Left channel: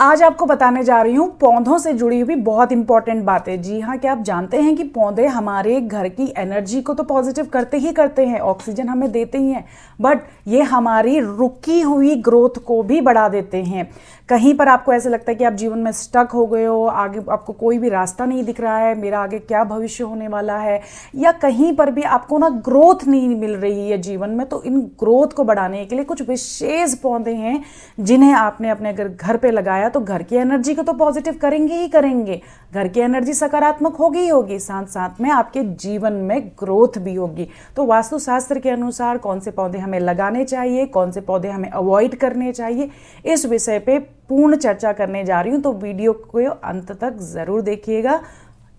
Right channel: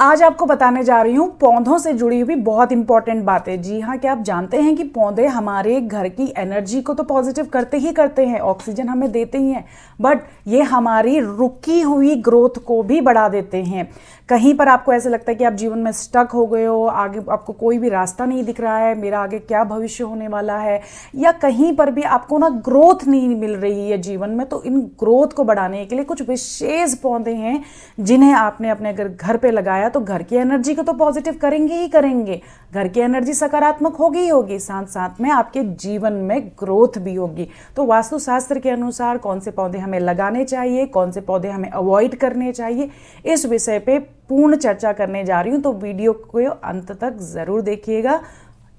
आज आपको बताने जा रही हूँ पौधों से जुड़ी हुई बहुत इंपॉर्टेंट बातें। जी हाँ, क्या आप जानते हैं कि पौधे हमारे घर की एनर्जी को तो पॉजिटिव करते हैं, ऑक्सीजन हमें देते ही हैं, बट ये हमारी रुकी हुई ग्रोथ को भी बढ़ा देते हैं। कहीं पर आपको ऐसा लगता है कि आप जीवन में स्टक हो गए हो, आगे आपको कोई भी रास्ता नहीं दिख रहा है, मेरा आगे क्या भविष्य होने वाला है, या कहीं पर भी आपको ना ग्रोथ नहीं मिल रही है जीवन में, तो इन ग्रोथ को बढ़ाने के लिए कुछ विशेष पौधे हैं जिन्हें आपने अपने अगर घर पे लगाया तो घर की एनर्जी को तो पॉजिटिव करेंगे ही करेंगे, घर की एनर्जी सकारात्मक होगी ही होगी, साथ साथ में आपके जीवन में ग्रोथ भी होगी। तो वास्तुशास्त्र के अनुसार कौन से पौधे हमें लगाने चाहिए, कौन से पौधे हमें अवॉइड करने चाहिए, इस विषय पे पूर्ण चर्चा करने जा रही हूं, तो वीडियो को अंत तक जरूर देखिएगा।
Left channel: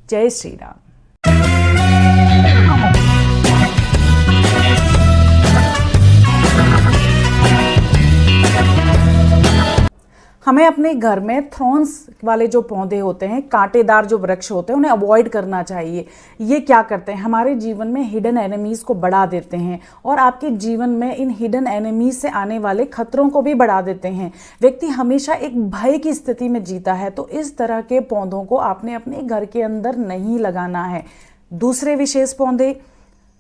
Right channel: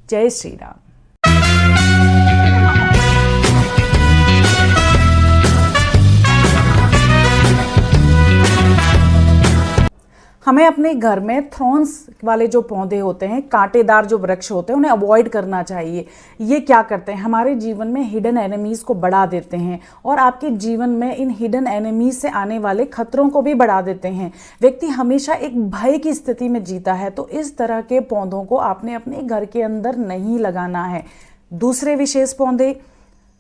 जय श्री राम। हमें अपने घर में थॉर्न्स वाले जो पौधे होते हैं, कांटेदार जो वृक्ष होते हैं, उन्हें अवॉइड करना चाहिए। ये क्या करते हैं, हमारे जीवन में हिडन एनिमीज को बढ़ा देते हैं और आपके जीवन में इन हिडन एनिमीज से आने वाले खतरों को भी बढ़ा देते हैं। व्यक्ति हमेशा एक भय की स्थिति में जीता है, तो इस तरह के पौधों को आपने अपने घर के अंदर नहीं लगाना है। दूसरे विशेष पौधे,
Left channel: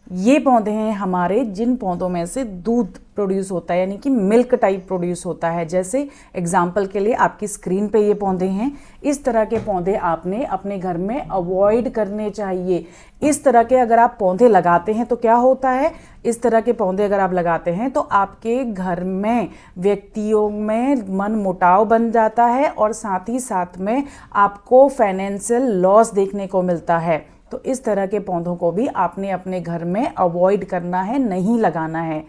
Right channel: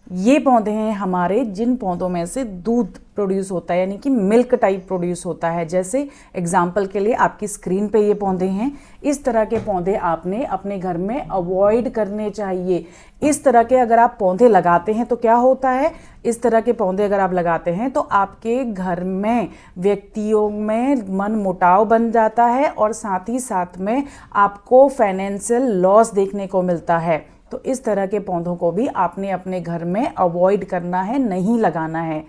ये पौधे हैं हमारे जिन पौधों में से दूध प्रोड्यूस होता है, यानी कि मिल्क टाइप प्रोड्यूस होता है। जैसे एग्जाम्पल के लिए आपकी स्क्रीन पे ये पौधे हैं, इस तरह के पौधे आपने अपने घर में अवॉइड करने चाहिए। इस तरह के अगर आप पौधे लगाते हैं तो क्या होता है, इस तरह के पौधे अगर आप लगाते हैं तो आपके घर में व्यक्तियों में मन मुटाव बन जाता है और साथ ही साथ में आपको फाइनेंशियल लॉस देखने को मिलता है। इस तरह के पौधों को भी आपने अपने घर में अवॉइड करना है, नहीं लगाना है।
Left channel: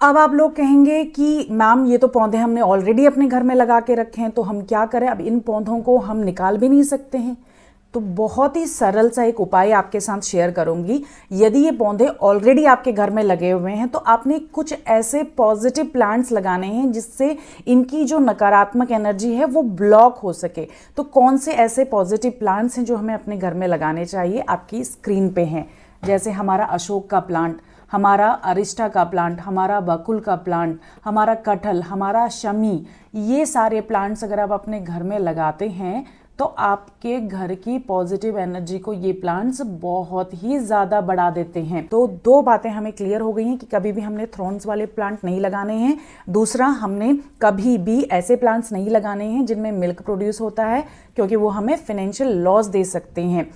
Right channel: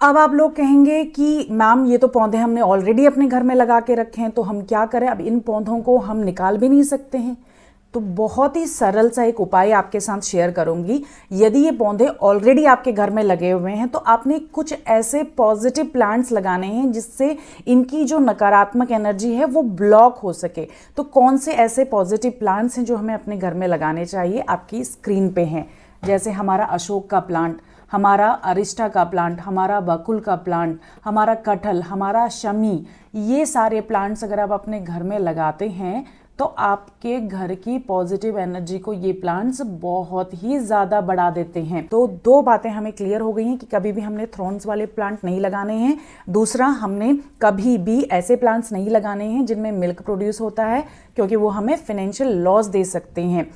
अब आप लोग कहेंगे कि मैम ये तो पौधे हमने ऑलरेडी अपने घर में लगा के रखे हैं, तो हम क्या करें, अब इन पौधों को हम निकाल भी नहीं सकते हैं। तो बहुत ही सरल सा एक उपाय आपके साथ शेयर करूंगी। यदि ये पौधे ऑलरेडी आपके घर में लगे हुए हैं तो आपने कुछ ऐसे पॉजिटिव प्लांट्स लगाने हैं जिससे इनकी जो नकारात्मक एनर्जी है वो ब्लॉक हो सके। तो कौन से ऐसे पॉजिटिव प्लांट्स हैं जो हमें अपने घर में लगाने चाहिए, आपकी स्क्रीन पे हैं। जैसे हमारा अशोक का प्लांट, हमारा अरिस्टा का प्लांट, हमारा बकुल का प्लांट, हमारा कटहल, हमारा शमी, ये सारे प्लांट्स अगर आप अपने घर में लगाते हैं तो आपके घर की पॉजिटिव एनर्जी को ये प्लांट्स बहुत ही ज़्यादा बढ़ा देते हैं। तो दो बातें हमें क्लियर हो गई हैं कि कभी भी हमने थ्रॉन्स वाले प्लांट नहीं लगाने हैं। दूसरा, हमने कभी भी ऐसे प्लांट्स नहीं लगाने हैं जिनमें मिल्क प्रोड्यूस होता है, क्योंकि वो हमें फाइनेंशियल लॉस दे सकते हैं।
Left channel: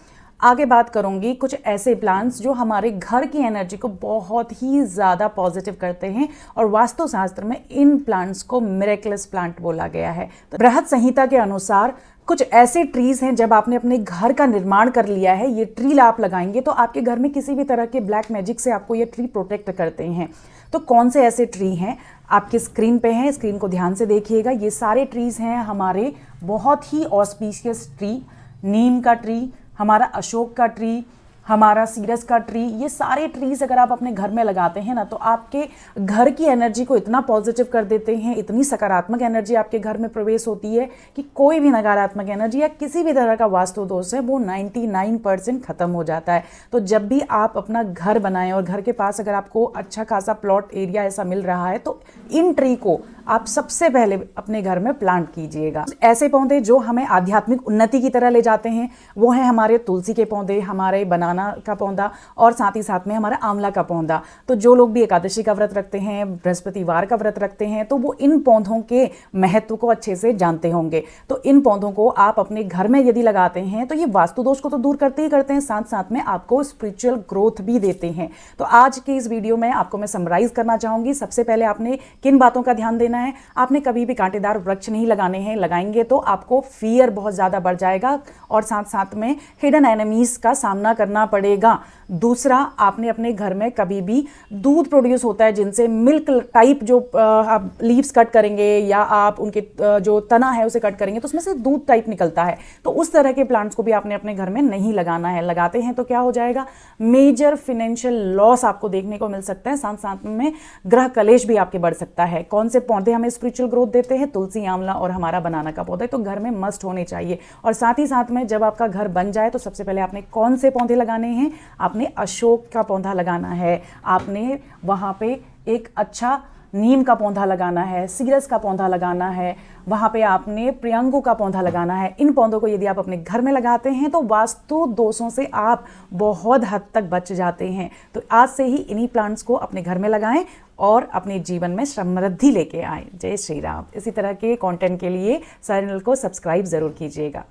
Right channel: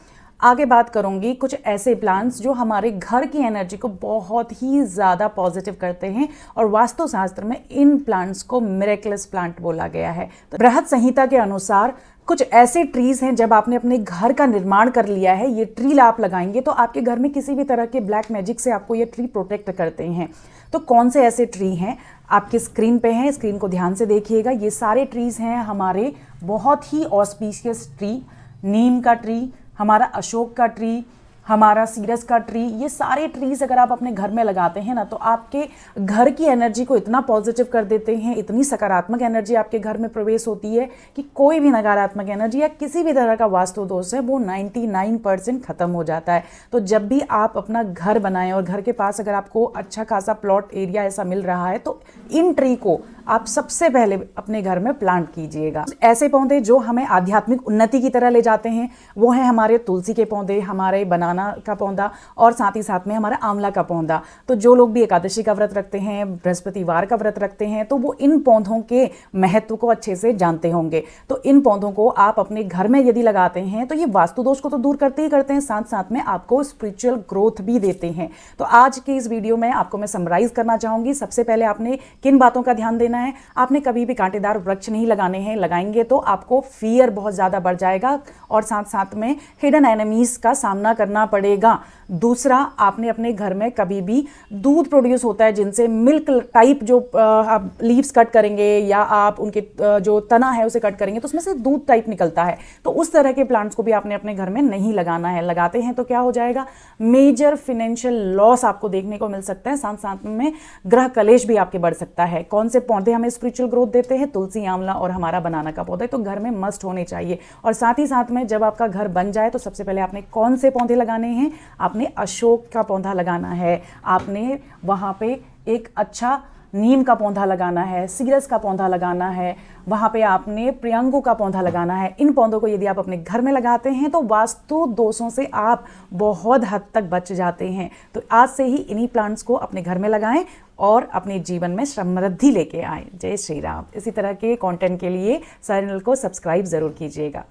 आगे बात करूंगी कुछ ऐसे प्लांट्स जो हमारे घर की एनर्जी को बहुत ही ज़्यादा पॉजिटिव करते हैं, और वास्तुशास्त्र में इन प्लांट्स को मिरेकलस प्लांट बोला गया है। तो बृहद संहिता के अनुसार कुछ ऐसे ट्रीज हैं, जब आपने अपने घर का निर्माण कर लिया है, ये ट्री आप लगाएंगे तो आपके घर में किसी भी तरह के ब्लैक मैजिक से आपको ये ट्री प्रोटेक्ट करते हैं। तो कौन से ऐसे ट्री हैं, आपकी स्क्रीन पे हैं, स्क्रीन को ध्यान से देखिएगा। ये सारे ट्रीज हैं हमारे बहुत ही ऑस्पिशियस ट्री, नीम का ट्री, हमारा अशोक का ट्री, हमारा सीरस का ट्री। ये सारे ट्रीज अगर आप अपने घर में लगाते हैं ना, तो आपके घर की एनर्जी को इतना पॉजिटिव कर देते हैं, इतनी सकारात्मक एनर्जी आपके घर में प्रवेश होती है कि कोई भी नकारात्मक एनर्जी या किसी भी तरह का वास्तु दोष है वो 99% खत्म हो जाता है। तो जब भी आप अपना घर बनाएं और घर के पास अगर आपको अच्छा खासा प्लॉट एरिया ऐसा मिल रहा है, तो इन ट्री को आप सबसे पहले अपने घर में प्लांट कीजिएगा। ऐसे पौधे जो हमें आध्यात्मिक उन्नति की तरह ले जाते हैं वो हैं हमारे तुलसी के पौधे, हमारे बनाना का पौधा, और साथ ही साथ में हमारा आंवला का पौधा। तो जो लोग भी एकादशी का व्रत रखते हैं, बृहस्पतिवार का व्रत रखते हैं, तो वो इन पौधों के महत्व को अच्छे से जानते होंगे। तो इन पौधों को आप अपने घर में यदि लगाते हैं तो ये वास्तु दोष को तो दूर करते ही करते हैं, साथ साथ में आपको स्पिरिचुअल ग्रोथ भी देते हैं। तो आज की इस वीडियो में आपको मैं समराइज करना चाहूंगी। सबसे पहले आपने किन बातों का ध्यान देना है, आपने कभी भी कांटेदार वृक्ष नहीं लगाने हैं, लगाएंगे तो आपको फियर बहुत ज्यादा बढ़ जाएगा और साथ साथ में हिडन एनिमीज का सामना करना पड़ेगा। दूसरा, आपने अपने घर में कभी भी दूध प्रोड्यूस होता है जिनसे मिल्क टाइप जो आप लीव्स कट करेंगे या आप उनके जो तना है उसे कट करेंगे तो उसमें से दूध टाइप निकलता है, तो उस तरह के प्लांट्स को भी आपने अपने घर में नहीं लगाना है। लगाते हैं तो क्या हो जाएगा, मेजर फाइनेंशियल लॉस आपको देखने को मिल सकता है, साथ साथ में ग्रह कलेश भी आपके बढ़ सकता है। कौन से पौधे हमें स्पिरिचुअल ग्रोथ देते हैं, तुलसी, आंवला और हमारा बनाना का पौधा, तो घर में मस्ट होने चाहिए। और साथ ही साथ में जब आपका घर बन जाए तो सबसे पहले आपने कौन से पौधे लगाने हैं, आपने अशोक का पौधा लगाना है। आपने वहां पे एक अच्छा नीम का पौधा लगाना है, सीरस का पौधा लगाना है, वहाँ पे आपने प्रियंगू का पौधा लगाना है। इन पौधों को यदि आप अपने घर में लगाते हैं तो वास्तु दोषों से आप बहुत हद तक बच जाते हैं। तो आज से ही इन्हीं प्लांट्स को अपने घर में लगाएं और अपने जीवन में समृद्धि लेके आए। जय श्री राम। इसी तरह के कंटेंट के लिए चैनल को सब्सक्राइब जरूर कीजिएगा।